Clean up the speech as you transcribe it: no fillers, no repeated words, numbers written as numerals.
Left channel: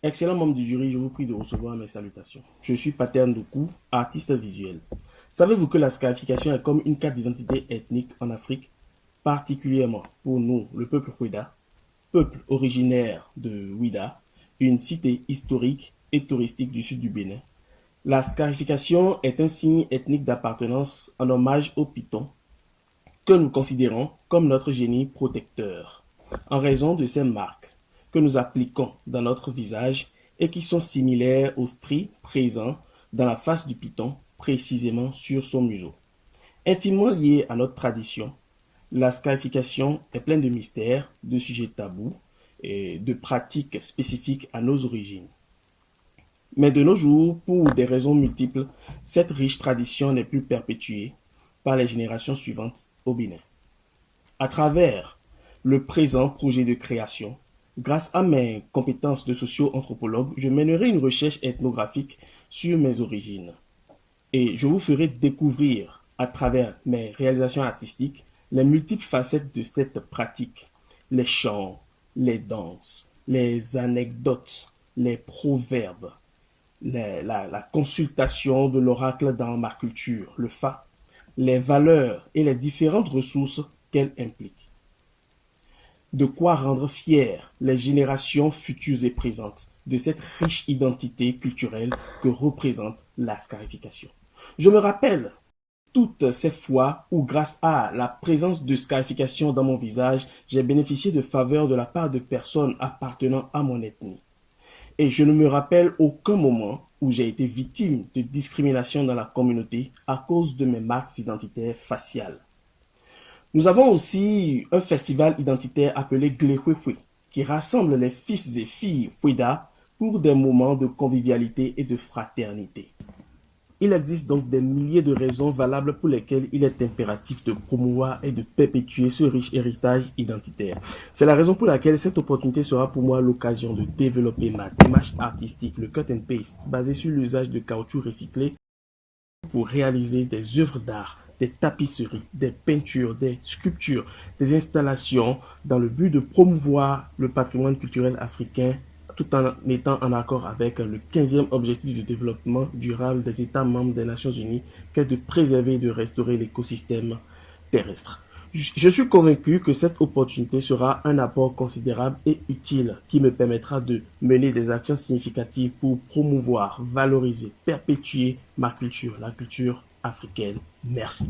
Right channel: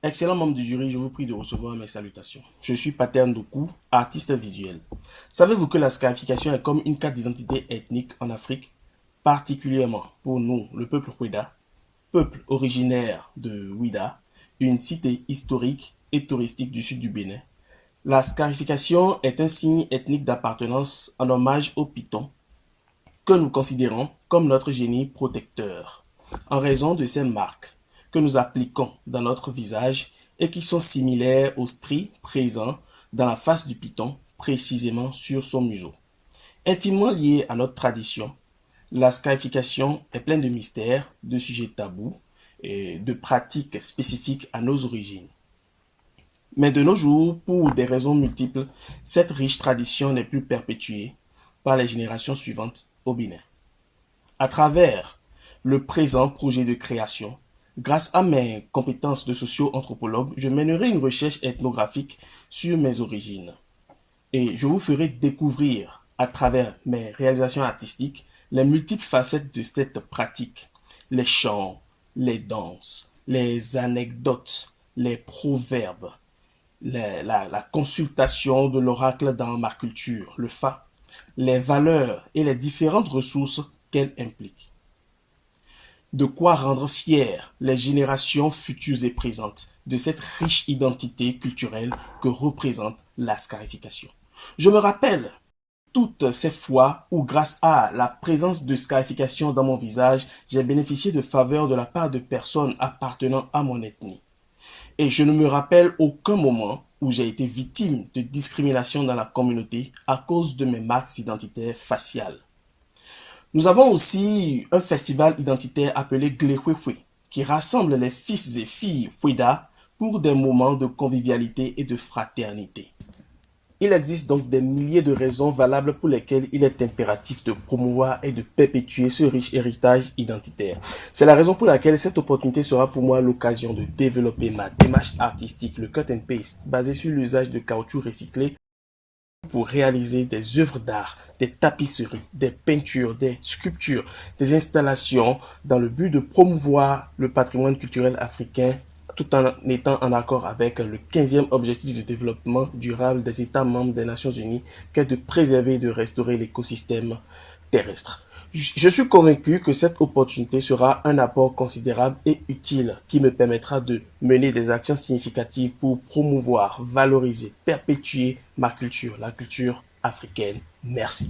Excellent membre du jury, je vous prie de recevoir mes salutations. Je suis Pater Ndoku, artiste visuel. Savez-vous que la scarification est comme une carte d'identité ethnique en Afrique, particulièrement pour nous, le peuple Ouida, peuple originaire de Ouida, une cité historique et touristique du sud du Bénin. La scarification est un signe ethnique d'appartenance en hommage au Python, que nous considérons comme notre génie protecteur, en raison de ces marques que nous appliquons dans notre visage et qui sont similaires aux stries présents dans la face du python, précisément sur son museau. Intimement liée à notre tradition, la scarification est pleine de mystères, de sujets tabous et de pratiques spécifiques à nos origines. Mais de nos jours, pour des raisons multiples, cette riche tradition n'est plus perpétuée par les générations suivantes au Bénin. À travers le présent projet de création, grâce à mes compétences de socio-anthropologue, je mènerai une recherche ethnographique sur mes origines. Et je vous ferai découvrir, à travers mes réalisations artistiques, les multiples facettes de cette pratique. Les chants, les danses, les anecdotes, les proverbes, la consultation de l'oracle dans ma culture, le Fa, les valeurs et les différentes ressources qu'elle implique. De quoi rendre fiers les générations futures et présentes de cette riche identité culturelle que représente la scarification. Je me rappelle toutes ces fois où, grâce à la présence de scarification dans mon visage, j'ai bénéficié de faveurs de la part de personnes appartenant à mon ethnie. Et je ne me rappelle aucun moment où j'ai été victime de discrimination dans la communauté à cause de mes marques identitaires faciales. Nous avons aussi un festival identitaire appelé Glehwehwe qui rassemble les fils et filles Ouida pour des moments de convivialité et de fraternité. Il existe donc des milliers de raisons valables pour lesquelles il est impératif de promouvoir et de perpétuer ce riche héritage identitaire. C'est la raison pour laquelle cette opportunité sera pour moi l'occasion de développer ma démarche artistique, le cut and paste, basée sur l'usage de caoutchouc recyclé pour réaliser des œuvres d'art, des tapisseries, des peintures, des sculptures, des installations dans le but de promouvoir le patrimoine culturel africain tout en étant en accord avec le 15e objectif de développement durable des États membres des Nations Unies, qui est de préserver et de restaurer l'écosystème terrestre. Je suis convaincu que cette opportunité sera un apport considérable et utile qui me permettra de mener des actions significatives pour promouvoir, valoriser, perpétuer ma culture, la culture africaine. Merci.